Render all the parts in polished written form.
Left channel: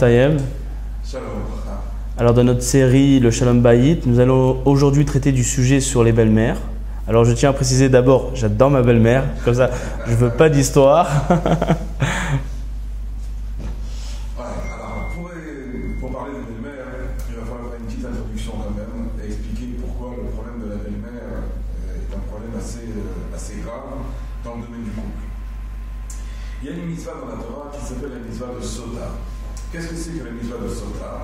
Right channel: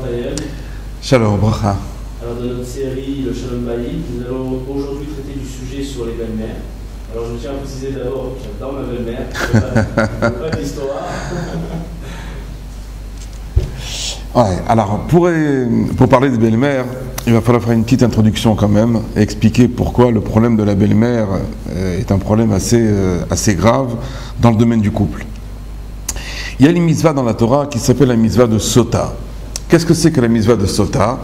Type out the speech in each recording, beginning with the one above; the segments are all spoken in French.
Taïeb. Shalom bracha. Alors dans notre série Le Shalom Bayit, nous allons aujourd'hui traiter du sujet sur les belles-mères. Alors je tiens à préciser d'abord, j'adore ma belle-mère, comme ça, je ne veux pas d'histoire. Ouais, alors pour parler de belle-mère, il va falloir faire une petite introduction quand même et expliquer pourquoi le problème de la belle-mère est un problème assez grave dans le domaine du couple. Il y a une mitzvah dans la Torah qui s'appelle la mitzvah de Sota. Qu'est-ce que c'est que la mitzvah de Sota?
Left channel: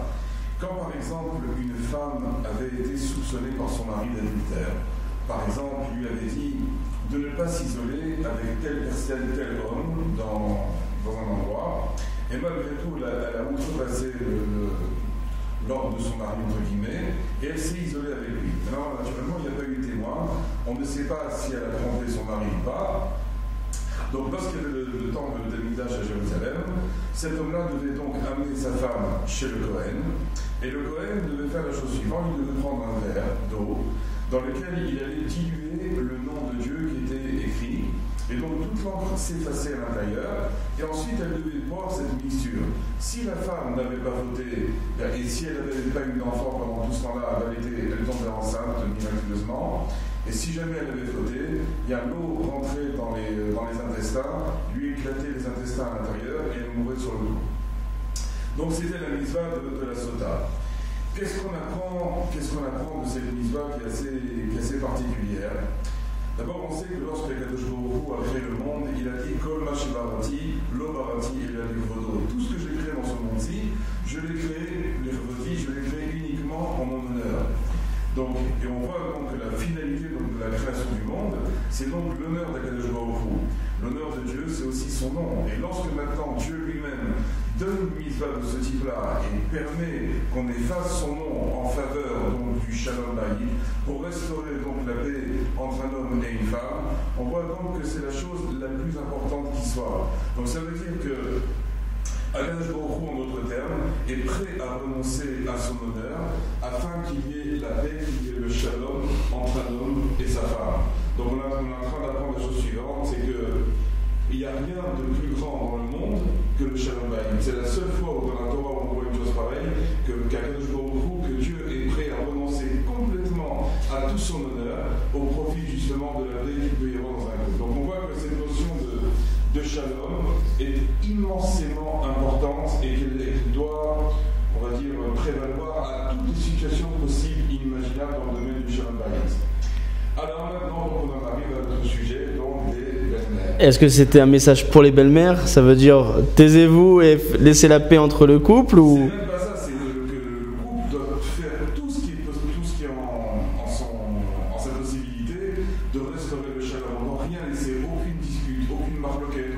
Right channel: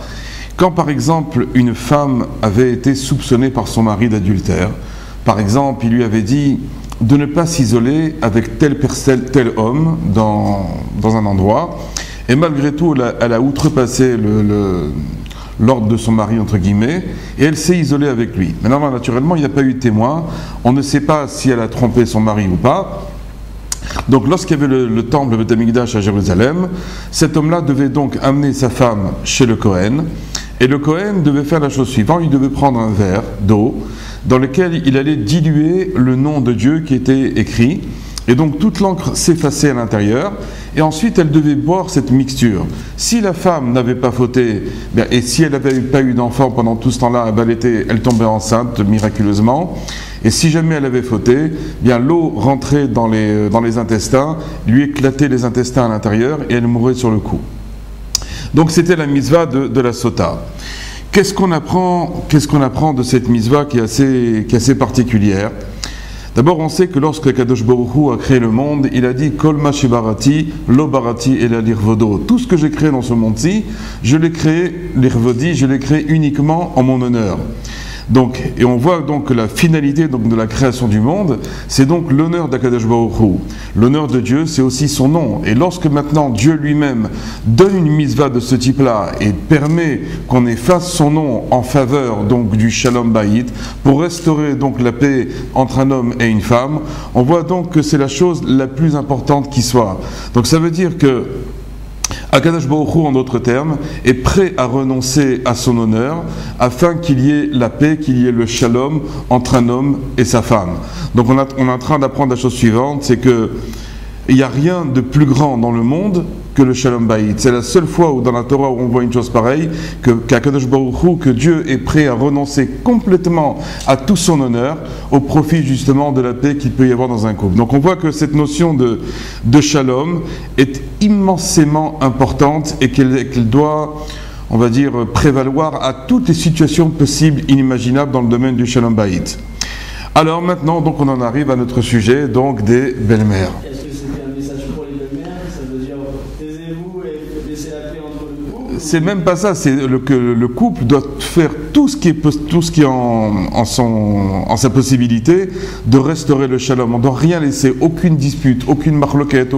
Quand par exemple une femme avait été soupçonnée par son mari d'adultère, par exemple il lui avait dit de ne pas s'isoler avec tel homme dans un endroit, et malgré tout elle a outrepassé l'ordre de son mari entre guillemets, et elle s'est isolée avec lui. Maintenant naturellement il n'y a pas eu de témoin, on ne sait pas si elle a trompé son mari ou pas. Donc lorsqu'il y avait le temple, le Beth Amikdash à Jérusalem, cet homme-là devait donc amener sa femme chez le Kohen, et le Kohen devait faire la chose suivante, il devait prendre un verre d'eau dans lequel il allait diluer le nom de Dieu qui était écrit, et donc toute l'encre s'effaçait à l'intérieur, et ensuite elle devait boire cette mixture. Si la femme n'avait pas fauté, et si elle n'avait pas eu d'enfant pendant tout ce temps-là, elle tombait enceinte miraculeusement, et si jamais elle avait fauté, l'eau rentrait dans les intestins, lui éclatait les intestins à l'intérieur, et elle mourait sur le coup. Donc c'était la mitzvah de la Sota. Qu'est-ce qu'on apprend de cette mitzvah qui est assez particulière? D'abord, on sait que lorsque Kadosh Baruch Hu a créé le monde, il a dit Kol ma shebarati, lo barati et la lirvodo. Tout ce que j'ai créé dans ce monde-ci, je l'ai créé, l'irvodi, je l'ai créé uniquement en mon honneur. Donc, et on voit donc que la finalité donc, de la création du monde, c'est donc l'honneur d'Akadosh Baruch Hu. L'honneur de Dieu, c'est aussi son nom. Et lorsque maintenant Dieu lui-même donne une mitzvah de ce type-là et permet qu'on efface son nom en faveur donc du Shalom Bayit pour restaurer donc la paix entre un homme et une femme, on voit donc que c'est la chose la plus importante qui soit. Donc ça veut dire que Akadosh Baruch Hu, en d'autres termes, est prêt à renoncer à son honneur afin qu'il y ait la paix, qu'il y ait le shalom entre un homme et sa femme. Donc on est en train d'apprendre la chose suivante, c'est que il n'y a rien de plus grand dans le monde que le Shalom Bayit. C'est la seule fois où dans la Torah où on voit une chose pareille, qu'Akadosh Baruch Hu, que Dieu est prêt à renoncer complètement à tout son honneur au profit justement de la paix qu'il peut y avoir dans un couple. Donc on voit que cette notion de Shalom est immensément importante et qu'elle doit, on va dire, prévaloir à toutes les situations possibles, inimaginables dans le domaine du Shalom Bayit. Alors maintenant, donc on en arrive à notre sujet, donc des belles-mères. Est-ce que c'était un message pour les belles-mères? Ça veut dire taisez-vous et laissez la paix entre le couple? C'est même pas ça, c'est que le couple doit faire tout ce qui est en sa possibilité de restaurer le shalom. On ne doit rien laisser, aucune dispute, aucune marloquette,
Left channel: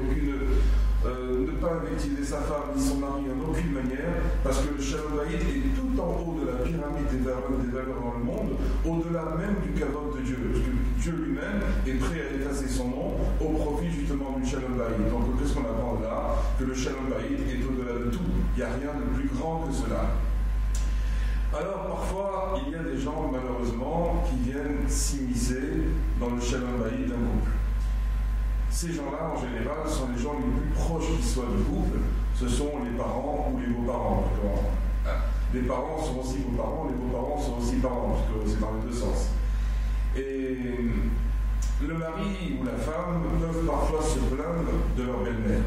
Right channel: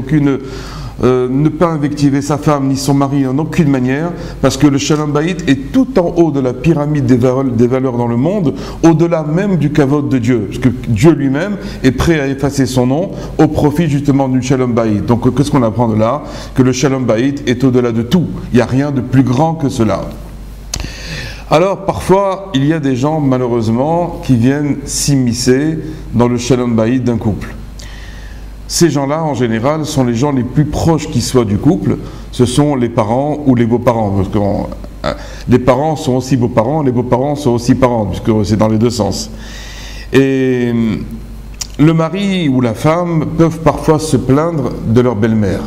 ne pas invectiver sa femme ni son mari en aucune manière, parce que le Shalom Bayit est tout en haut de la pyramide des valeurs dans le monde, au-delà même du kavod de Dieu, parce que Dieu lui-même est prêt à effacer son nom au profit justement du Shalom Bayit. Donc qu'est-ce qu'on apprend de là? Que le Shalom Bayit est au-delà de tout, il n'y a rien de plus grand que cela. Alors parfois il y a des gens malheureusement qui viennent s'immiscer dans le Shalom Bayit d'un couple. Ces gens-là, en général, sont les gens les plus proches qui soient du couple. Ce sont les parents ou les beaux-parents. Parce que les parents sont aussi beaux-parents, les beaux-parents sont aussi parents, puisque c'est dans les deux sens. Et le mari ou la femme peuvent parfois se plaindre de leur belle-mère.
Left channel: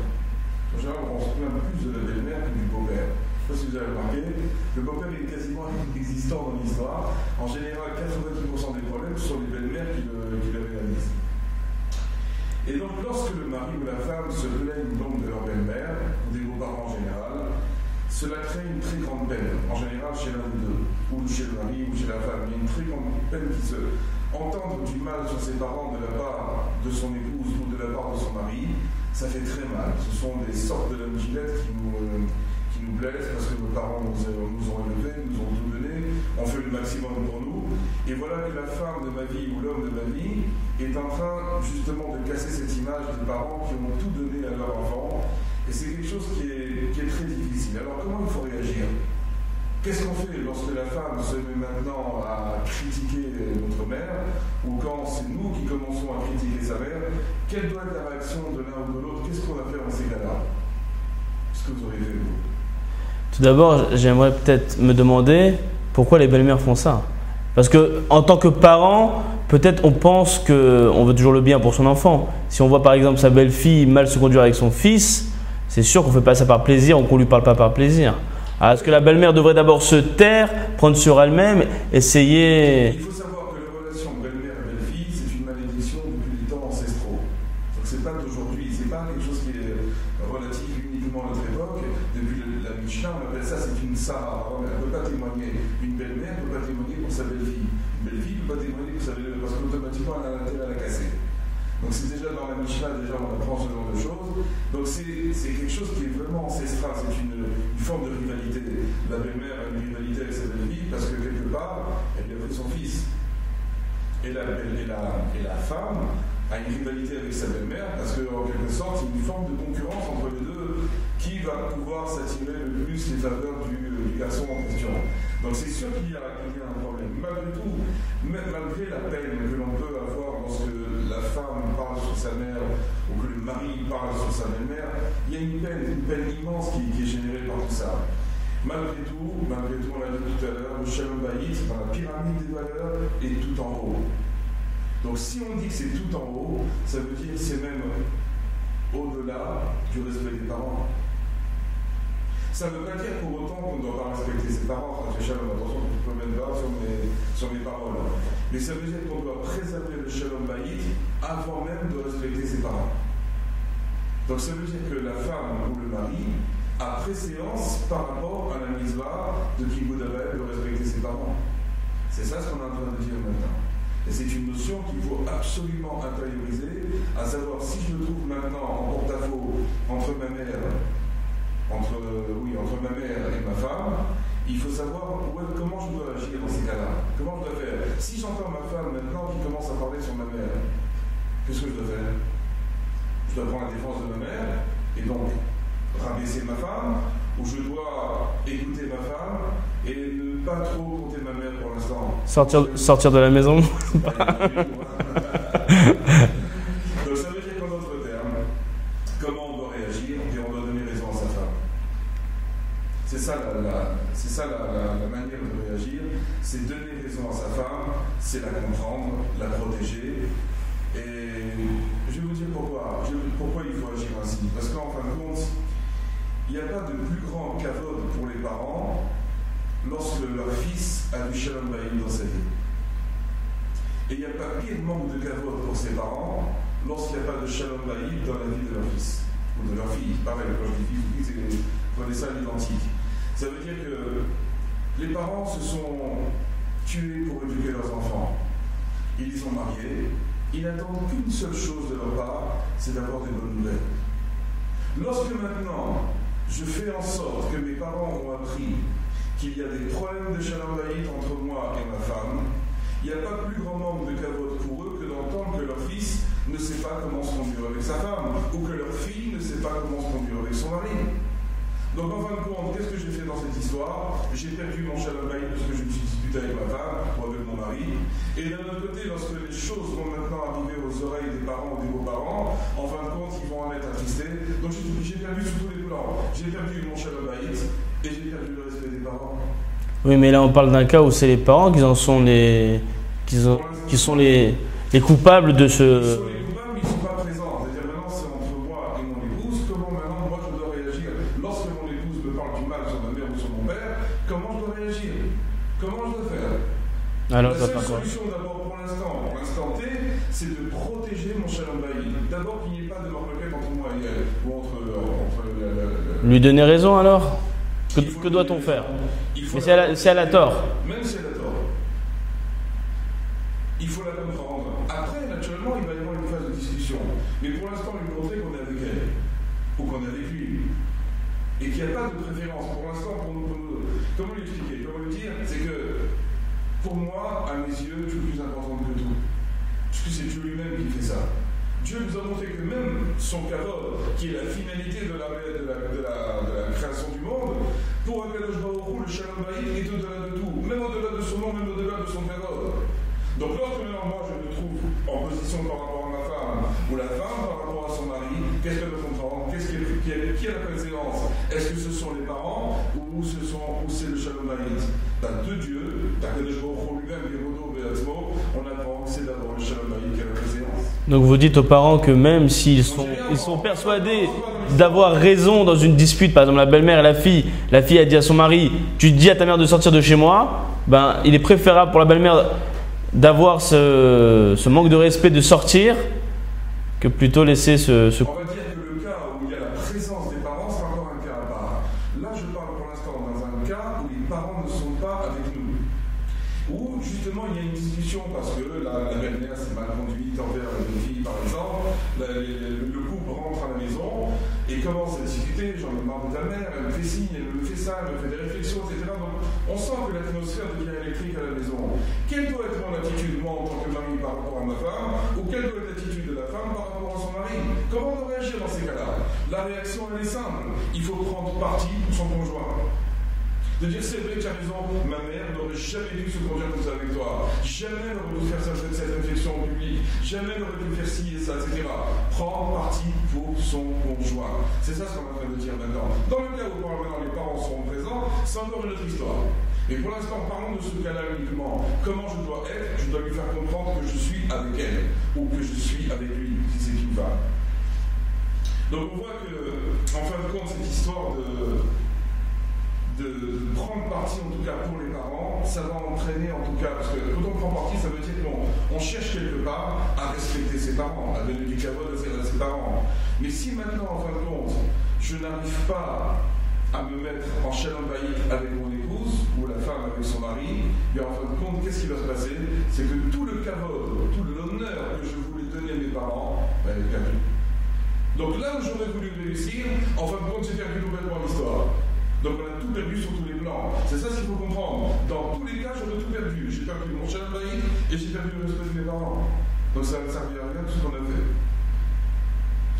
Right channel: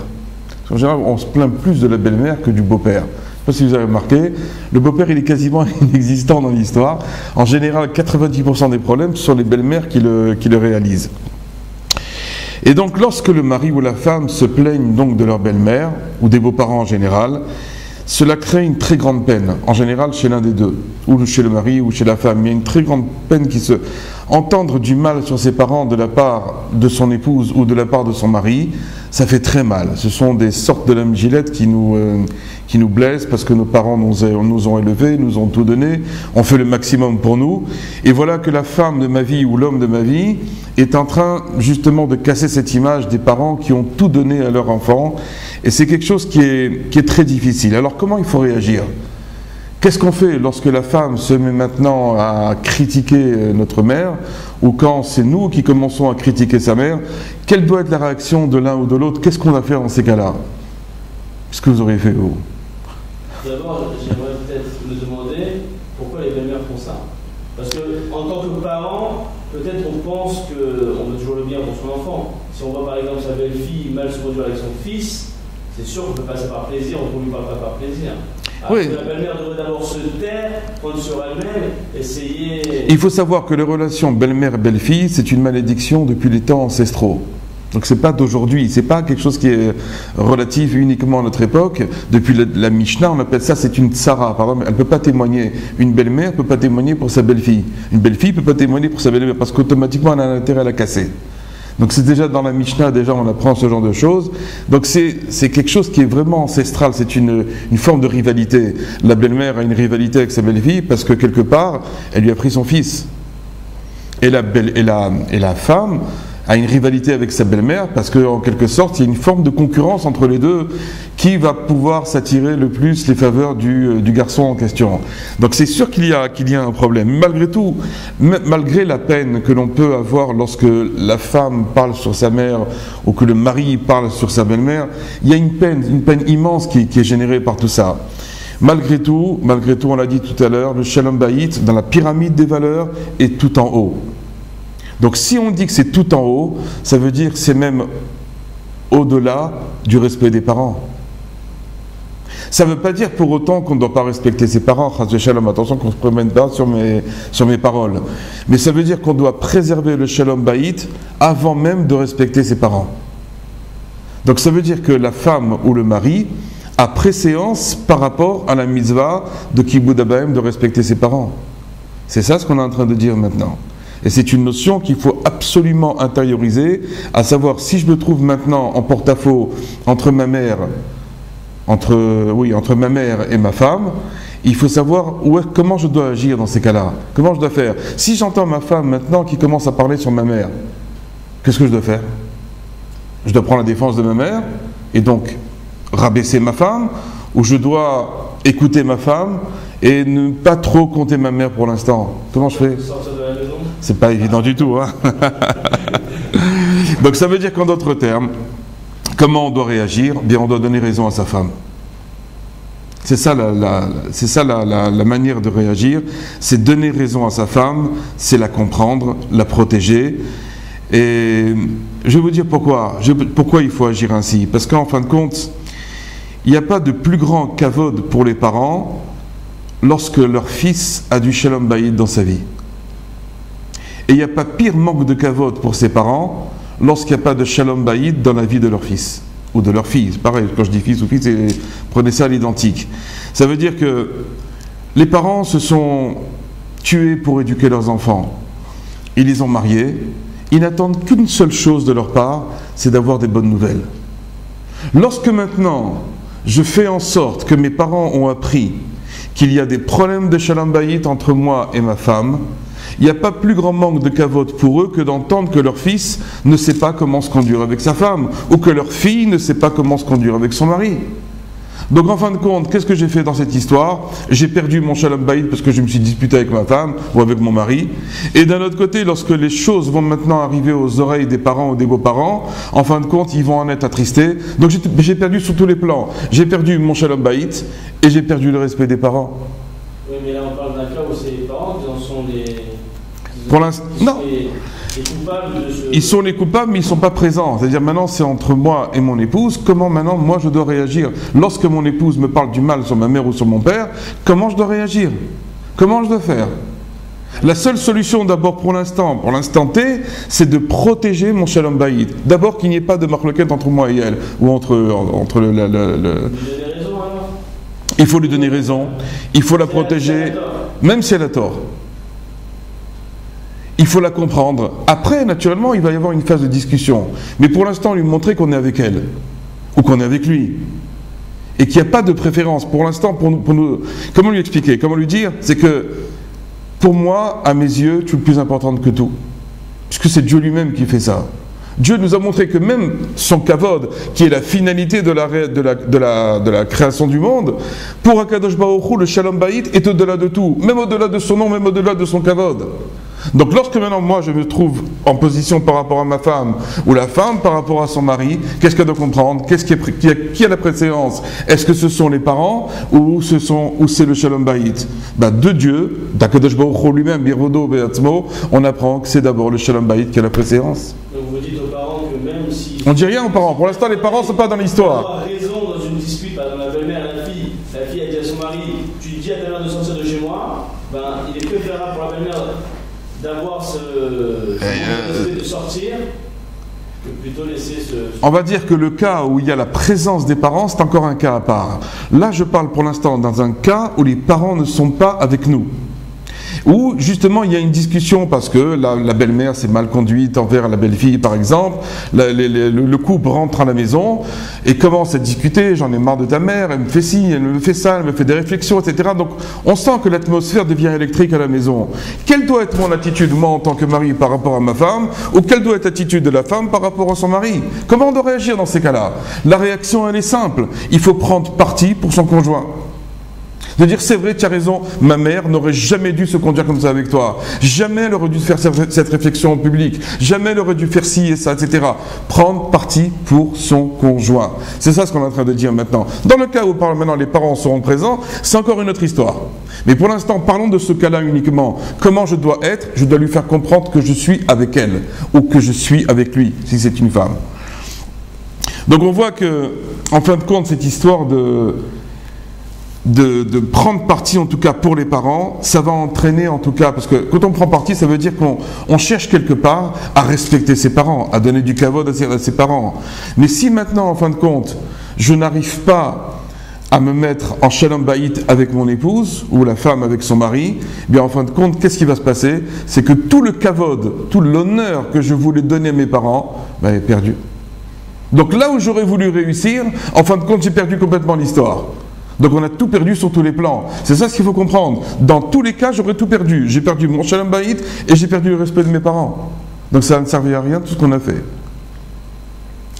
En général, on se plaint plus de la belle-mère que du beau-père. Je ne sais pas si vous avez remarqué, le beau-père il est quasiment inexistant dans l'histoire. En général, 90% des problèmes, ce sont les belles-mères qui le réalisent. Et donc lorsque le mari ou la femme se plaignent donc de leur belle-mère, ou des beaux-parents en général, cela crée une très grande peine, en général chez l'un des deux, ou chez le mari ou chez la femme. Il y a une très grande peine qui se... Entendre du mal sur ses parents de la part de son épouse ou de la part de son mari, ça fait très mal. Ce sont des sortes de lames gilettes qui nous blessent parce que nos parents nous ont élevés, nous ont tout donné, ont fait le maximum pour nous. Et voilà que la femme de ma vie ou l'homme de ma vie est en train justement de casser cette image des parents qui ont tout donné à leur enfant. Et c'est quelque chose qui est très difficile. Alors comment il faut réagir ? Qu'est-ce qu'on fait lorsque la femme se met maintenant à critiquer notre mère, ou quand c'est nous qui commençons à critiquer sa mère? Quelle doit être la réaction de l'un ou de l'autre? Qu'est-ce qu'on va faire dans ces cas-là? Qu'est-ce que vous auriez fait, vous? Tout d'abord, j'aimerais peut-être me demander pourquoi les belles-mères font ça. Parce que en tant que parent, peut-être on pense qu'on veut toujours le bien pour son enfant. Si on voit par exemple sa belle-fille mal se conduire avec son fils, c'est sûr qu'on ne fait pas ça par plaisir ou qu'on ne lui parle pas par plaisir. Alors, est-ce que la belle-mère devrait d'abord se taire, prendre sur elle-même, essayer… Il faut savoir que les relations belle-mère et belle-fille, c'est une malédiction depuis les temps ancestraux. Donc c'est pas d'aujourd'hui, c'est pas quelque chose qui est relatif uniquement à notre époque. Depuis la Mishnah, on appelle ça, c'est une tsara. Par exemple, elle ne peut pas témoigner. Une belle-mère ne peut pas témoigner pour sa belle-fille. Une belle-fille ne peut pas témoigner pour sa belle-mère parce qu'automatiquement, elle a un intérêt à la casser. Donc c'est déjà dans la Mishnah, déjà on apprend ce genre de choses. Donc c'est quelque chose qui est vraiment ancestral, c'est une forme de rivalité. La belle-mère a une rivalité avec sa belle-fille parce que quelque part, elle lui a pris son fils. Et la femme a une rivalité avec sa belle-mère parce qu'en quelque sorte, il y a une forme de concurrence entre les deux qui va pouvoir s'attirer le plus les faveurs du garçon en question. Donc c'est sûr qu'il y a un problème. Malgré tout, malgré la peine que l'on peut avoir lorsque la femme parle sur sa mère ou que le mari parle sur sa belle-mère, il y a une peine immense qui est générée par tout ça. Malgré tout, on l'a dit tout à l'heure, le Shalom Bayit, dans la pyramide des valeurs, est tout en haut. Donc si on dit que c'est tout en haut, ça veut dire que c'est même au-delà du respect des parents. Ça ne veut pas dire pour autant qu'on ne doit pas respecter ses parents. Attention qu'on ne se promène pas sur mes paroles. Mais ça veut dire qu'on doit préserver le Shalom Bayit avant même de respecter ses parents. Donc ça veut dire que la femme ou le mari a préséance par rapport à la mitzvah de Kibud Abahem de respecter ses parents. C'est ça ce qu'on est en train de dire maintenant. Et c'est une notion qu'il faut absolument intérioriser, à savoir si je me trouve maintenant en porte-à-faux entre ma mère et ma femme, il faut savoir comment je dois agir dans ces cas-là. Comment je dois faire. Si j'entends ma femme maintenant qui commence à parler sur ma mère, qu'est-ce que je dois faire? Je dois prendre la défense de ma mère et donc rabaisser ma femme, ou je dois écouter ma femme et ne pas trop compter ma mère pour l'instant. Sortir de la maison? C'est pas évident du tout. Hein. Donc ça veut dire qu'en d'autres termes, comment on doit réagir? Bien, on doit donner raison à sa femme. C'est ça la manière de réagir, c'est donner raison à sa femme, c'est la comprendre, la protéger. Et je vais vous dire pourquoi il faut agir ainsi. Parce qu'en fin de compte, il n'y a pas de plus grand kavod pour les parents lorsque leur fils a du Shalom Bayit dans sa vie. Et il n'y a pas pire manque de kavod pour ses parents lorsqu'il n'y a pas de Shalom Bayit dans la vie de leur fils ou de leur fille. Pareil, quand je dis fils ou fille, prenez ça à l'identique. Ça veut dire que les parents se sont tués pour éduquer leurs enfants. Ils les ont mariés. Ils n'attendent qu'une seule chose de leur part, c'est d'avoir des bonnes nouvelles. Lorsque maintenant, je fais en sorte que mes parents ont appris qu'il y a des problèmes de Shalom Bayit entre moi et ma femme, il n'y a pas plus grand manque de kavod pour eux que d'entendre que leur fils ne sait pas comment se conduire avec sa femme, ou que leur fille ne sait pas comment se conduire avec son mari. Donc en fin de compte, qu'est-ce que j'ai fait dans cette histoire? J'ai perdu mon Shalom Bayit parce que je me suis disputé avec ma femme ou avec mon mari. Et d'un autre côté, lorsque les choses vont maintenant arriver aux oreilles des parents ou des beaux-parents, en fin de compte, ils vont en être attristés. Donc j'ai perdu sur tous les plans. J'ai perdu mon Shalom Bayit et j'ai perdu le respect des parents. Oui, mais là on parle d'un cas où c'est les parents qui en sont les coupables de ce… Ils sont les coupables, mais ils ne sont pas présents. C'est-à-dire maintenant c'est entre moi et mon épouse. Comment maintenant moi je dois réagir? Lorsque mon épouse me parle du mal sur ma mère ou sur mon père, comment je dois réagir? Comment je dois faire? Alors, la seule solution d'abord pour l'instant T, c'est de protéger mon Shalom Bayit. D'abord qu'il n'y ait pas de marloquette entre moi et elle, ou entre Lui donner raison alors? Il faut lui donner raison. Il faut la protéger, si elle a tort. Même si elle a tort. Il faut la comprendre. Après, naturellement, il va y avoir une phase de discussion. Mais pour l'instant, lui montrer qu'on est avec elle. Ou qu'on est avec lui. Et qu'il n'y a pas de préférence. Pour l'instant, pour nous… Comment lui expliquer? Comment lui dire? C'est que, pour moi, à mes yeux, tu es plus importante que tout. Puisque c'est Dieu lui-même qui fait ça. Dieu nous a montré que même son kavod, qui est la finalité de la création du monde, pour Akadosh Baruch Hu, le Shalom Bayit est au-delà de tout, même au-delà de son nom, même au-delà de son kavod. Donc lorsque maintenant moi je me trouve en position par rapport à ma femme ou la femme par rapport à son mari, qu'est-ce qu'elle doit comprendre? Qui a la préséance? Est-ce que ce sont les parents ou c'est le Shalom Bayit? De Dieu, d'Akadosh Baruch Hu lui-même, Birodo Be'atzmo, on apprend que c'est d'abord le Shalom Bayit qui a la préséance. Donc vous dites aux parents que même s'ils on dit rien aux parents, pour l'instant les parents ne sont pas dans l'histoire. D'avoir raison dans une dispute, par exemple la belle-mère et la fille a dit à son mari, tu dis à ta mère de sortir de chez moi, il est préférable pour la belle-mère d'avoir ce manque de respect de sortir que plutôt laisser ce... On va dire que le cas où il y a la présence des parents, c'est encore un cas à part. Là, je parle pour l'instant dans un cas où les parents ne sont pas avec nous. Où justement il y a une discussion parce que la belle-mère s'est mal conduite envers la belle-fille par exemple, le couple rentre à la maison et commence à discuter, j'en ai marre de ta mère, elle me fait ci, elle me fait ça, elle me fait des réflexions, etc. Donc on sent que l'atmosphère devient électrique à la maison. Quelle doit être mon attitude moi en tant que mari par rapport à ma femme, ou quelle doit être l'attitude de la femme par rapport à son mari? Comment on doit réagir dans ces cas-là? La réaction elle est simple, il faut prendre parti pour son conjoint. De dire c'est vrai, tu as raison, ma mère n'aurait jamais dû se conduire comme ça avec toi, jamais elle aurait dû faire cette réflexion en public, jamais elle aurait dû faire ci et ça, etc. Prendre parti pour son conjoint. C'est ça ce qu'on est en train de dire maintenant. Dans le cas où maintenant les parents seront présents, c'est encore une autre histoire. Mais pour l'instant, parlons de ce cas-là uniquement. Comment je dois être? Je dois lui faire comprendre que je suis avec elle, ou que je suis avec lui, si c'est une femme. Donc on voit que, en fin de compte, cette histoire de prendre parti en tout cas pour les parents, ça va entraîner en tout cas, parce que quand on prend parti, ça veut dire qu'on cherche quelque part à respecter ses parents, à donner du kavod à ses parents. Mais si maintenant, en fin de compte, je n'arrive pas à me mettre en shalom bayit avec mon épouse, ou la femme avec son mari, eh bien en fin de compte, qu'est-ce qui va se passer? C'est que tout le kavod, tout l'honneur que je voulais donner à mes parents, est perdu. Donc là où j'aurais voulu réussir, en fin de compte, j'ai perdu complètement l'histoire. Donc on a tout perdu sur tous les plans. C'est ça ce qu'il faut comprendre. Dans tous les cas, j'aurais tout perdu. J'ai perdu mon shalom bayit et j'ai perdu le respect de mes parents. Donc ça ne servait à rien tout ce qu'on a fait.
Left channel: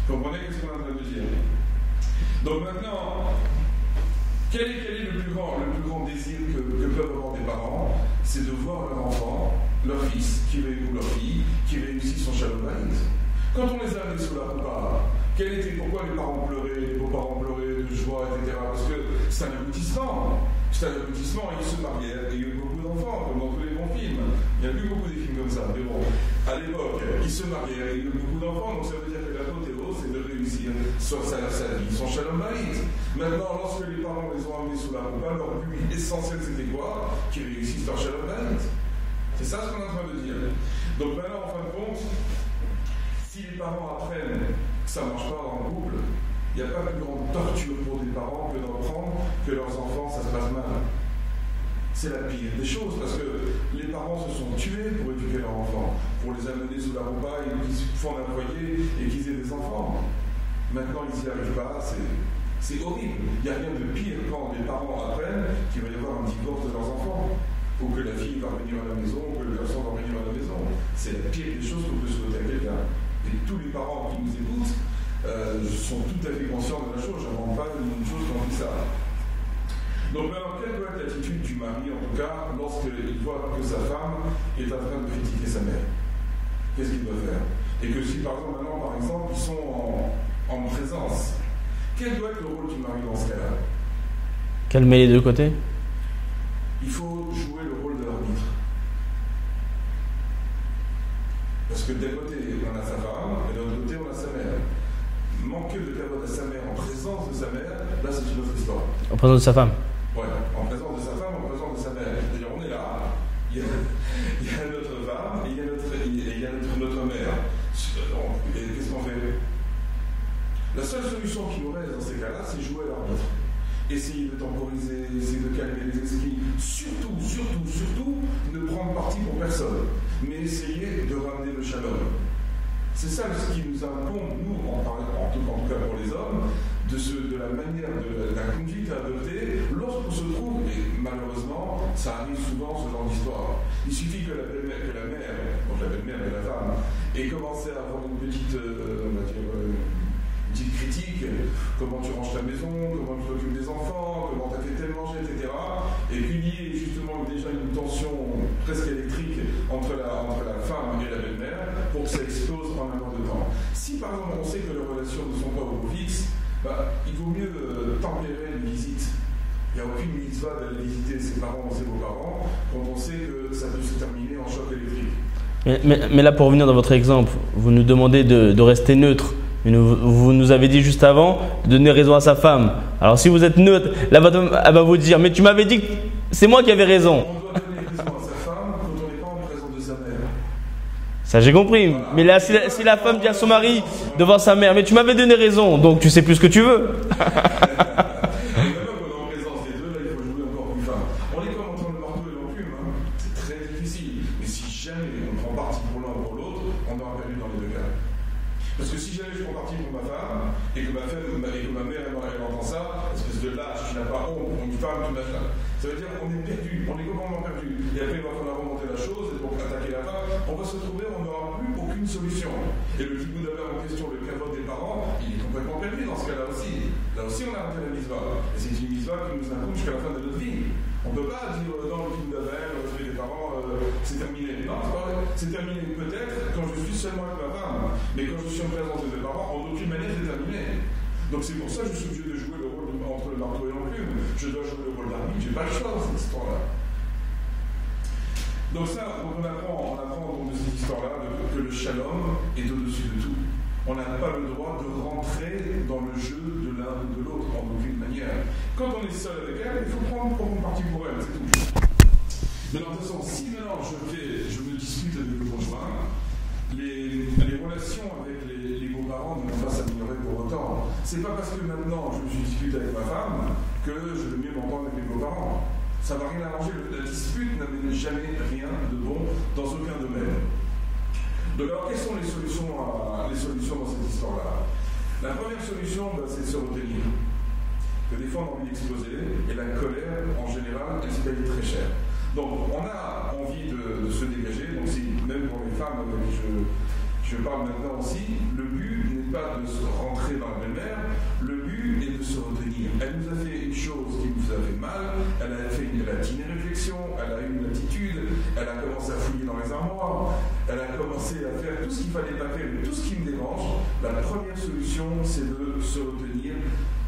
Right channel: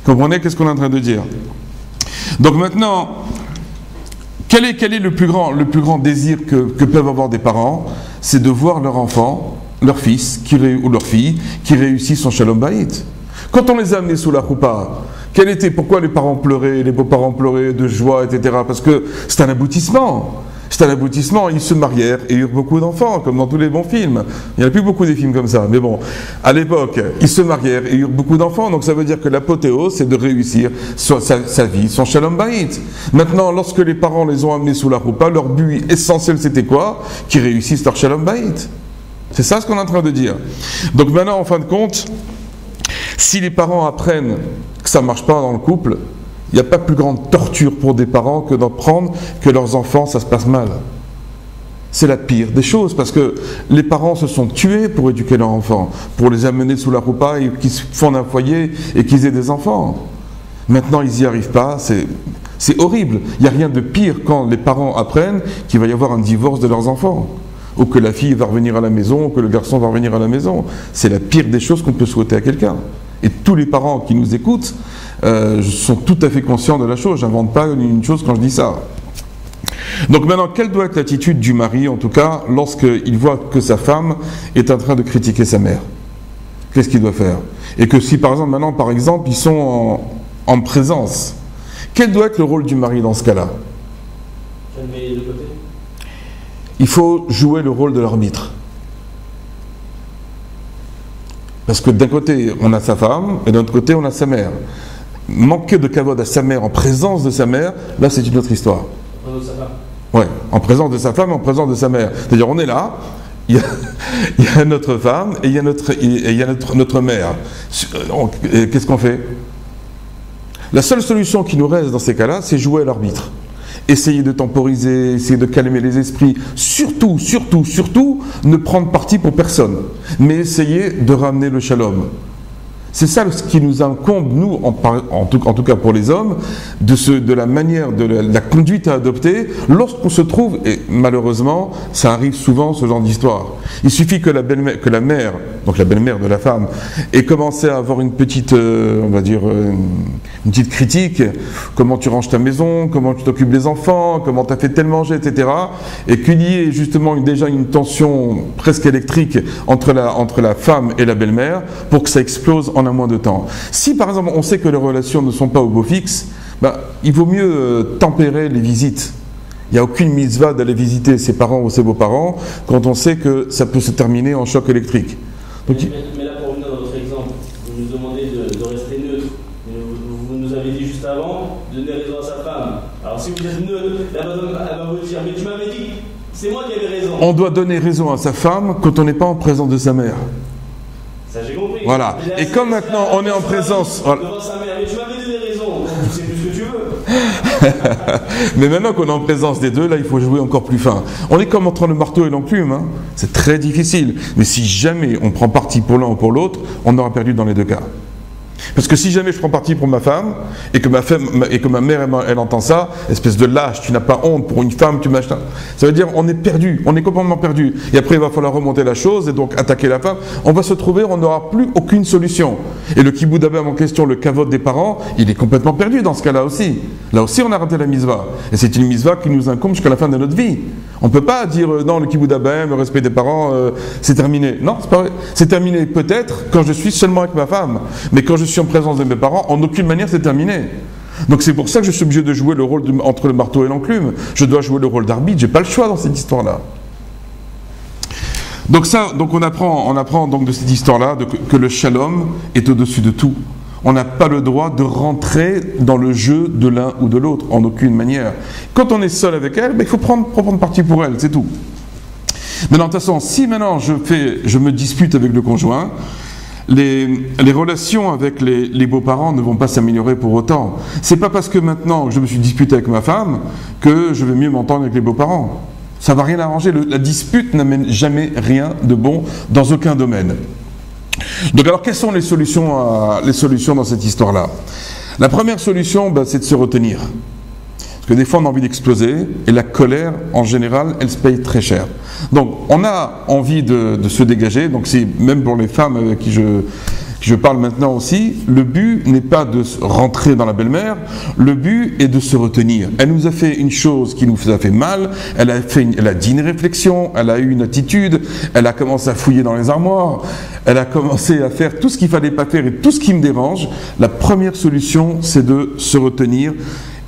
Comprenez qu'est-ce qu'on est en train de dire? Donc maintenant, quel est le plus grand désir que peuvent avoir des parents? C'est de voir leur enfant, leur fils ou leur fille qui réussit son shalom bayit. Quand on les a amenés sous la roupa, pourquoi les parents pleuraient, les beaux-parents pleuraient de joie, etc. Parce que c'est un aboutissement. C'est un aboutissement. Ils se marièrent et eurent beaucoup d'enfants, comme dans tous les bons films. Il n'y en a plus beaucoup des films comme ça. Mais bon, à l'époque, ils se marièrent et eurent beaucoup d'enfants. Donc ça veut dire que l'apothéose, c'est de réussir sa vie, son shalom bayit. Maintenant, lorsque les parents les ont amenés sous la roupa, leur but essentiel, c'était quoi? Qu'ils réussissent leur shalom bayit. C'est ça ce qu'on est en train de dire. Donc maintenant, en fin de compte, si les parents apprennent que ça ne marche pas dans le couple, il n'y a pas plus grande torture pour des parents que d'apprendre que leurs enfants, ça se passe mal. C'est la pire des choses, parce que les parents se sont tués pour éduquer leurs enfants, pour les amener sous la roupa et qu'ils fondent un foyer et qu'ils aient des enfants. Maintenant, ils n'y arrivent pas, c'est horrible. Il n'y a rien de pire quand les parents apprennent qu'il va y avoir un divorce de leurs enfants, ou que la fille va revenir à la maison, ou que le garçon va revenir à la maison. C'est la pire des choses qu'on peut souhaiter à quelqu'un. Et tous les parents qui nous écoutent sont tout à fait conscients de la chose. Je n'invente pas une chose quand je dis ça. Donc maintenant, quelle doit être l'attitude du mari, en tout cas, lorsqu'il voit que sa femme est en train de critiquer sa mère? Qu'est-ce qu'il doit faire? Et que si, par exemple, ils sont en présence, quel doit être le rôle du mari dans ce cas-là? Calmer les deux côtés? Il faut jouer le rôle de l'arbitre. Parce que d'un côté, on a sa femme, et d'un autre côté, on a sa mère. Manquer de kavod à sa mère en présence de sa mère, là, c'est une autre histoire. En présence de sa femme? Ouais, en présence de sa femme, en présence de sa mère. C'est-à-dire, on est là, il y a notre femme et il y a notre mère. Qu'est-ce qu'on fait? La seule solution qui nous reste dans ces cas-là, c'est jouer à l'arbitre. Essayer de temporiser, essayer de calmer les esprits. Surtout, ne prendre parti pour personne. Mais essayer de ramener le shalom. C'est ça ce qui nous incombe, nous, en tout cas pour les hommes, de la manière, de la conduite à adopter lorsqu'on se trouve, et malheureusement, ça arrive souvent ce genre d'histoire. Il suffit que la mère, donc la belle-mère de la femme, ait commencé à avoir une petite, on va dire, une petite critique, comment tu ranges ta maison, comment tu t'occupes des enfants, comment tu as fait tel manger, etc. Et qu'il y ait justement déjà une tension presque électrique entre la femme et la belle-mère pour que ça explose en un mois de temps. Si par exemple on sait que les relations ne sont pas au beau fixe, il vaut mieux tempérer les visites. Il n'y a aucune mitzvah d'aller visiter ses parents ou ses beaux-parents quand on sait que ça peut se terminer en choc électrique. Mais là, pour revenir dans votre exemple, vous nous demandez de rester neutre. Mais vous nous avez dit juste avant de donner raison à sa femme. Alors si vous êtes neutre, là elle va vous dire mais tu m'avais dit que c'est moi qui avais raison. On doit donner raison à sa femme quand on n'est pas en présence de sa mère. Ça j'ai compris. Voilà. Mais là et si comme la femme on dit est à son en mari présence devant sa mère, mais tu m'avais donné raison, donc tu sais plus ce que tu veux. Mais maintenant qu'on est en présence des deux, là il faut jouer encore plus fin. On est comme entre le marteau et l'enclume, hein. C'est très difficile. Mais si jamais on prend parti pour l'un ou pour l'autre, on aura perdu dans les deux cas. Parce que si jamais je prends parti pour ma femme et que ma mère elle entend ça, espèce de lâche, tu n'as pas honte pour une femme, tu m'achètes. Ça veut dire on est perdu, on est complètement perdu. Et après il va falloir remonter la chose et donc attaquer la femme. On va se trouver, on n'aura plus aucune solution. Et le kiboud abem en question, le kavod des parents, il est complètement perdu dans ce cas-là aussi. Là aussi on a raté la mitzvah. Et c'est une mitzvah qui nous incombe jusqu'à la fin de notre vie. On ne peut pas dire non, le kiboud abem, le respect des parents, c'est terminé. Non, c'est pas vrai. C'est terminé peut-être quand je suis seulement avec ma femme. Mais quand je suis en présence de mes parents, en aucune manière c'est terminé. Donc c'est pour ça que je suis obligé de jouer le rôle entre le marteau et l'enclume. Je dois jouer le rôle d'arbitre, j'ai pas le choix dans cette histoire-là. Donc on apprend donc de cette histoire-là que le shalom est au-dessus de tout. On n'a pas le droit de rentrer dans le jeu de l'un ou de l'autre, en aucune manière. Quand on est seul avec elle, il faut prendre parti pour elle, c'est tout. Maintenant, de toute façon, si maintenant je me dispute avec le conjoint, les relations avec les beaux-parents ne vont pas s'améliorer pour autant. C'est pas parce que maintenant je me suis disputé avec ma femme que je vais mieux m'entendre avec les beaux-parents. Ça va rien arranger. La dispute n'amène jamais rien de bon dans aucun domaine. Donc alors quelles sont les solutions dans cette histoire-là? La première solution, c'est de se retenir. Parce que des fois on a envie d'exploser et la colère en général elle se paye très cher. Donc on a envie de se dégager, donc c'est même pour les femmes avec qui je parle maintenant aussi, le but n'est pas de rentrer dans la belle-mère, le but est de se retenir. Elle nous a fait une chose qui nous a fait mal, elle a dit une réflexion, elle a eu une attitude, elle a commencé à fouiller dans les armoires, elle a commencé à faire tout ce qu'il ne fallait pas faire et tout ce qui me dérange. La première solution c'est de se retenir.